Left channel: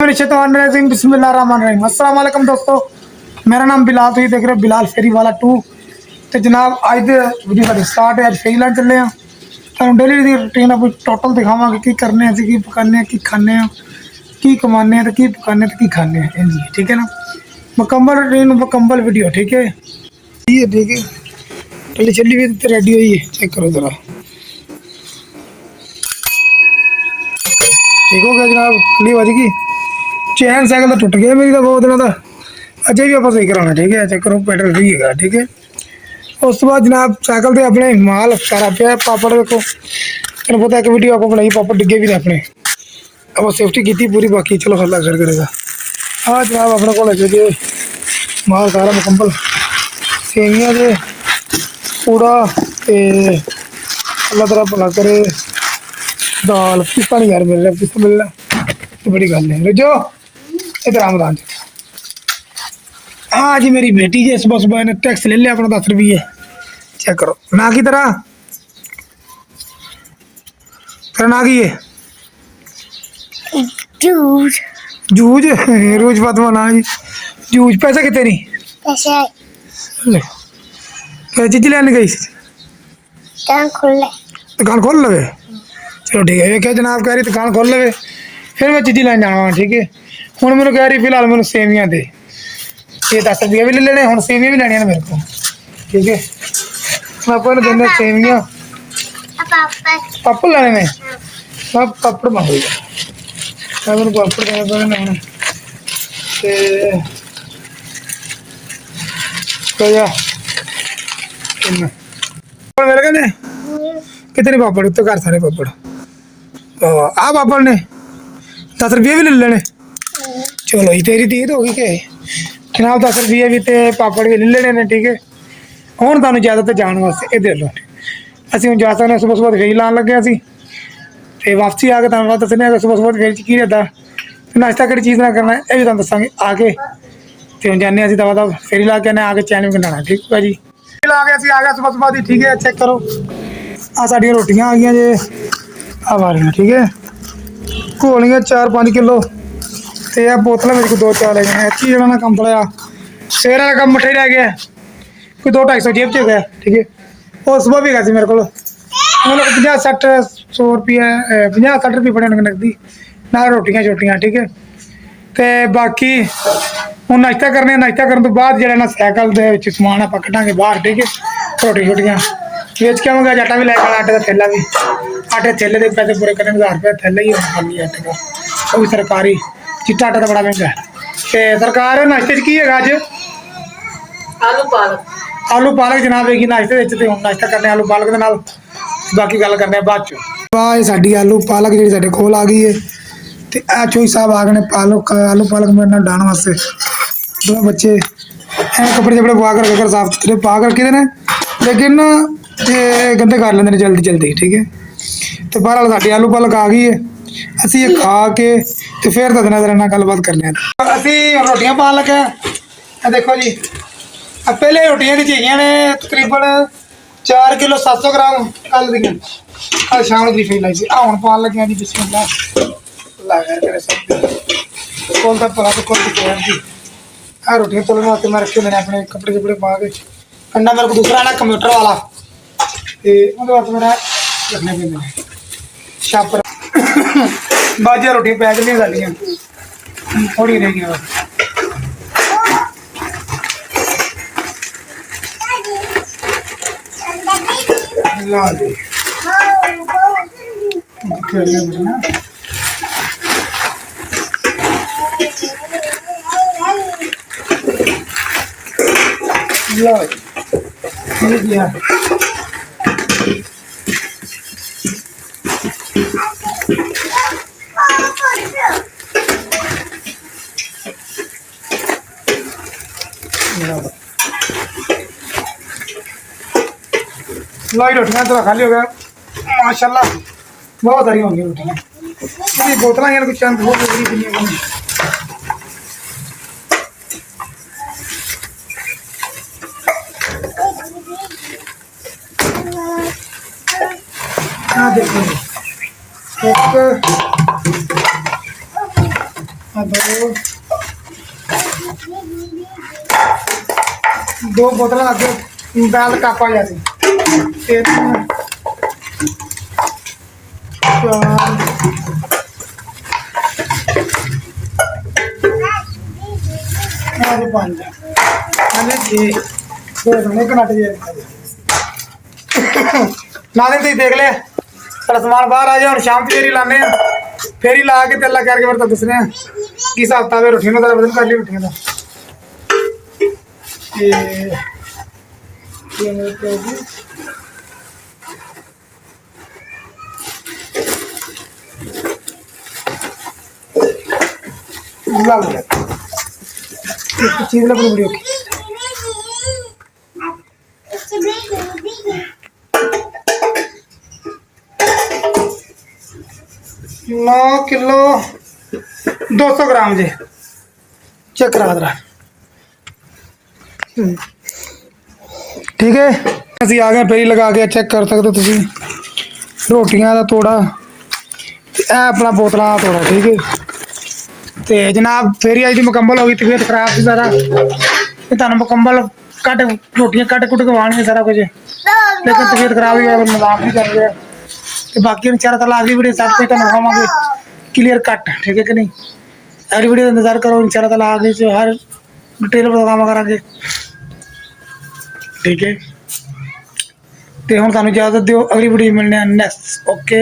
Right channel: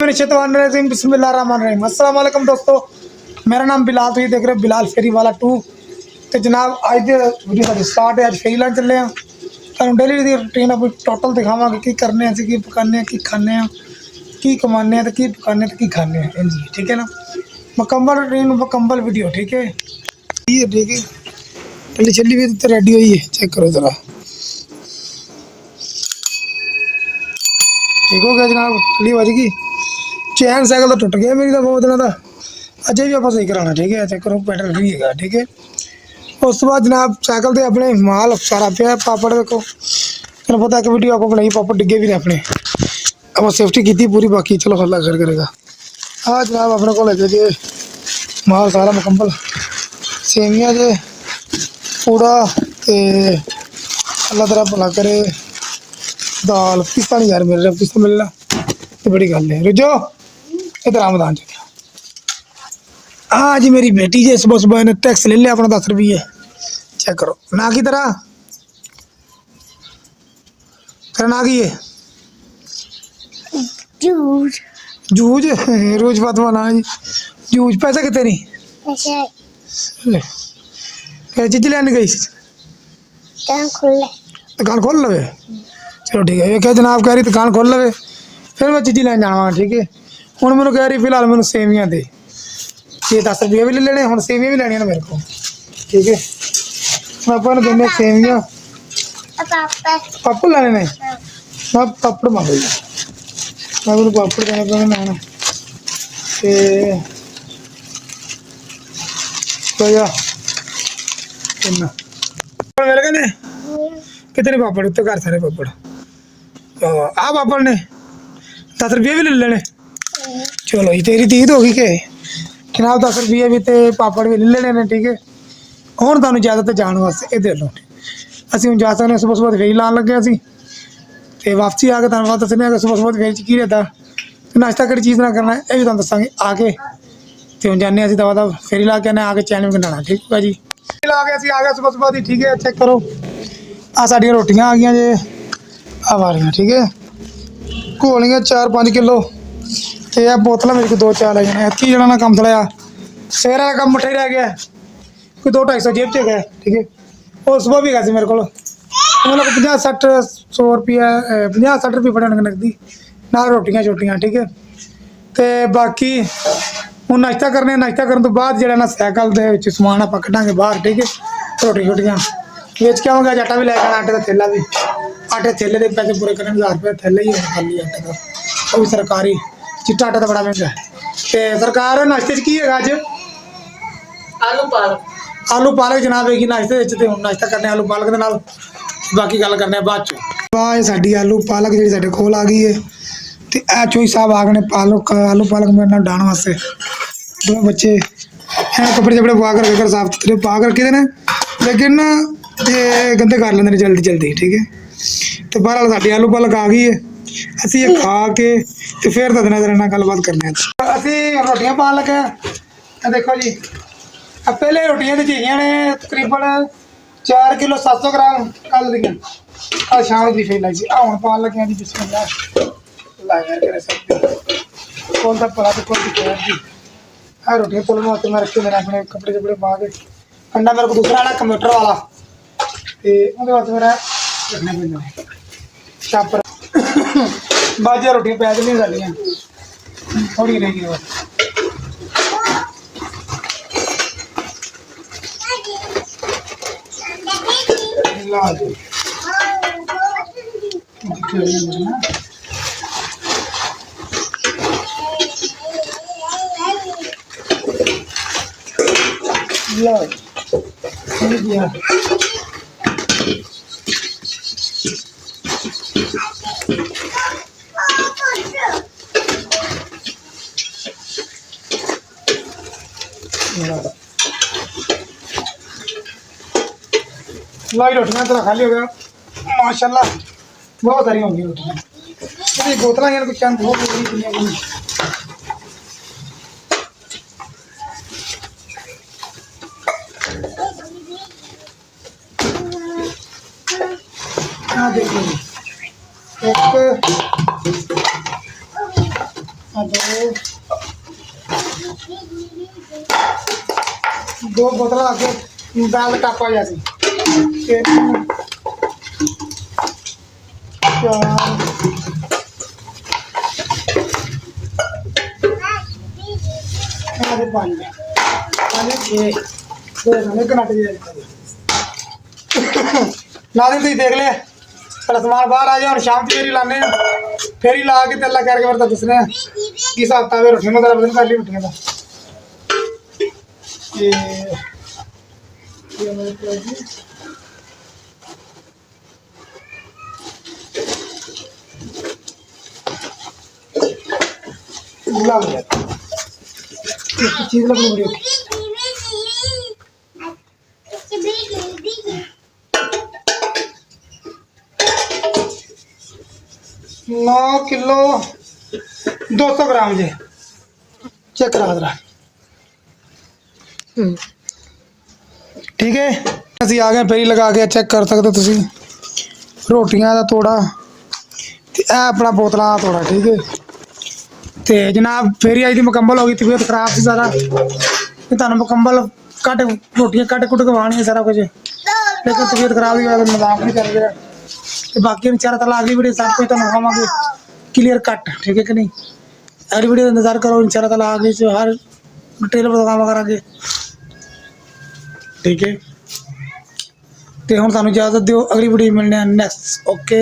बिस्मिल्लाहिर्रहमानिर्रहीम। अस्सलाम वालेकुम दोस्तों, मेरा नाम बिलाल, तो ये देख रहे हो बिलाल फेरी वाला 2। तो जनाब अज दे वीडियो साडी स्टार्ट है। अज फेरी लैन चले हैं। तुहानू डेली दी रूटीन अपनी टोटल दिखावांगे की करने हैं, की पकाने की खाने हैं, की कमाने की पकाने की खाने हैं जी, ठीक है ना। मुकम्मल रूटीन मुकम्मल वीडियो, ठीक है। ठीक है, पहले चली भी तो रेडी हुई है, चेक करो जरा। ठीक हो गया जनाब, चली बज गई। चैन साइकिल तो टुट गया मेरी, तो बहुत दिन का अजय भी आप सही कराना, ठीक है। चेक करो पेट्रोल फ्री है, ठीक है। उस बाद जनाब साइकिल से अपने माल सारा पे पापड़ देखो, तेन पता एक वीडियो आप बनाई पापड़ डिगे भी ने अपने, आप सेफ्टी की पूरी, बाकी चलो अल्लाह खैर करेगा। हाँ जनाब अपने को लगे माल सारा मुकम्मल, सेवियां दे पूड़ा तो अल्लाह तरह भला करे। दाल पिस्ता नहीं यार मिल रहा, पिस्ता मिल रहा तो बड़ी गल है। रजो इधर आमदान हाँ जी, मेरी बेटी जी सुबह सुबह ने टैक्स ले लिया अपना 10 रुपये। चेक करो ना की तरह तेरा ना की है जूझ जूझ रोज फातिमा ना जी जूझ। पैसा कितने नहीं पैसे क्या चीज लेने गई दुकान खोल लवे। चलो ठीक है, क्या जनाब कह रही दुकान खोल लवे, फिर मैं चीज़ी लैन जाना, ठीक है। हूँ मैंने कह रही फिलहाल मैंने सेवियां दे, ये 10 रुपये भी ले लेने, हूँ सेवियां भी लेनिया मेरे को, ठीक है। पापा ने देने सेवियां, पापड़ लेने ने, मैं पापड़ मंग लिया, मैं मैंने पापड़ देने पैने मिल गए ने। कितने पापड़ तो घर सारे पापड़ आ पापड़ ने 10 रुपये भी ले लेने। चलो ये तेरी तीत हो गई क्या जनाब, 10 रुपये भी तो पापड़ भी ले लेने ने, ठीक है। हूँ तुहानू इजाजत जाने वास्ते ये दे लो, असं हम जा सकते हैं। सुबह सुबह फेरी लान लगे असी तो वापसी आके तुहानू दसने सुबह सुबह फेरी की रहता नाश्ता कि चीज़ ना करना, ये भी तुहानू दसांगे आके। तो हम जाने दवा दवा फेरी ला के आके चैन भी कटाना, ठीक है जी। ला के असी आ गए सुबह सुबह की, ठीक है। चेक करो आ साडियां रोटियां आ गई जे आ वालियां, ठीक है। घोलियां 4-5 किलो तो यह बोतल मेरे को 2-4 ले गए। इतनी जना कम थोड़ा सवेरे का कम मठे रह गया, कोई 200-250 जेब च गया, ठीक है। और सुबह भी गया मेरे को मतलब 50-60 रुपये 50-60 रुपये बड़े होने नकदी नाल रोटियां छोटियां, ठीक है। तो बाकी हूँ नाश्ता करने, नाश्ता करने तो बाद जो सैकल के समान आप कटांगे बाहर, ठीक है। रोटी छोटियां बेच के आवांगे, आटा भी लैके आटे का थैला भी, आटे थैले के पैसे पूरे करने 1000 रुपये थैला ही होना खाली आटे का, वो भी सरकारी। चिट्टा आटा तो बड़ा महंगा है। तो सरकार नाश्ते की है अज आलू पालक जनाब है नाश्ते तो हम नाश्ता करने आलू पालक के नाल, बाकी गल करने बाद चो। साडी आलू पालक जी साडे कोल आ गई है। तो यह चोई साहब आ गए पालक आलू पालक मेरे नाल डाण वास्ते। दो बच्चे कपड़े शपड़े पा कर रखकर साफ सुथरे पा कर रखे ने, लेकिन ये गंदे कर लेंगे जल्दी जल्दी, ठीक है। तो बहरहाल साडी आलू पालक आ गई है, असी ये खा के तो फिर दसना तेरे नाल गलबात करने। असी रोटियां पा लगे, देखो जी पहले रोटियां दी चाहिए ने तकरीबन 4 किलो 700 ग्राम कल दी, कल शाम की फेर लाई सी। हूँ पान लगे जी बिस्मिल्लाह कौन सा पला तो कौन जी। आ रोटियां तोड़ने वास्ते मैं रखे मैंने अपने कपड़े शपड़े पा के, कंडा मेरे को दूसरा आना कंप्यूटर वाला, तो वास्ते मेरा रखने पेंदे छापर। बाजा रोटियां पैक नहीं साडियां थोड़ी रह गया। लो जी लाई रोटियां तो खाली हो गया माशाल्लाह, बहुत सारी होंगी रोटियां। बोतल कुछ चंद हो गई देखो जी दो बोतल आगे दाल कापा जाती 3 4 5 नादिम तुम देख लिया सारा समान बाहर आ जाए और शाम की फेरी लाने फेरी ला के तेला करके फिर दसने कि हिसाब किताब है रोटियां का बदल कर ली रोटियां का चीज ना वीडियो की 9 किलो 200 ग्राम जी चेक करा दरा ठीक है ਅਸੀਂ ਆ ਗਏ ਫੇਰੀ ਲਗਾ ਕੇ ਚੈੱਕ ਕਰ ਸਕਦੇ ਹੋ ਤੁਸੀਂ ਰੋਟੀਆਂ ਦਾ ਤੋੜਾ ਤੇ ਇਹ ਆਪਣਾ ਬੋਤਲਾਂ ਦਾ ਤੋੜਾ ਠੀਕ ਹੈ ਤੇ ਜਨਾਬ ਫੇਰੀ ਅੱਜ ਦੀ ਮੁਕੰਮਲ ਹੋ ਗਈ ਤਬੀਅਤ ਖਰਾਬ ਸੀ ਸਾਰਾ ਤੇ ਤੁਹਾਨੂੰ ਮੁਕੰਮਲ ਕੱਟ ਰੋਟੀਆਂ ਕੱਟ ਕੁੱਟ ਖਵਾਉਣਗੇ ਸਾਰਾ ਕੁਝ ਲੇਕਿਨ ਤਬੀਅਤ ਖਰਾਬ ਹੋਈ ਮਜ਼ਾਕ ਨਹੀਂ ਕਰ ਰਿਹਾ ਤੇ ਬਾਕੀ इंशाल्लाह ताला अगली वीडियो सब कुछ ਤੁਹਾਨੂੰ ਦਿਖਾਵਾਂਗੇ क्लियर कट ठीक है कि नहीं अगली वीडियो का इंतजार करो इंशाल्लाह ताला आगे से हर डिटेल प्रोग्राम करांगे ठीक है तो हम ਤੁਹਾਨੂੰ इजाजत दियो अगली वीडियो मिलने नेक्स्ट ओके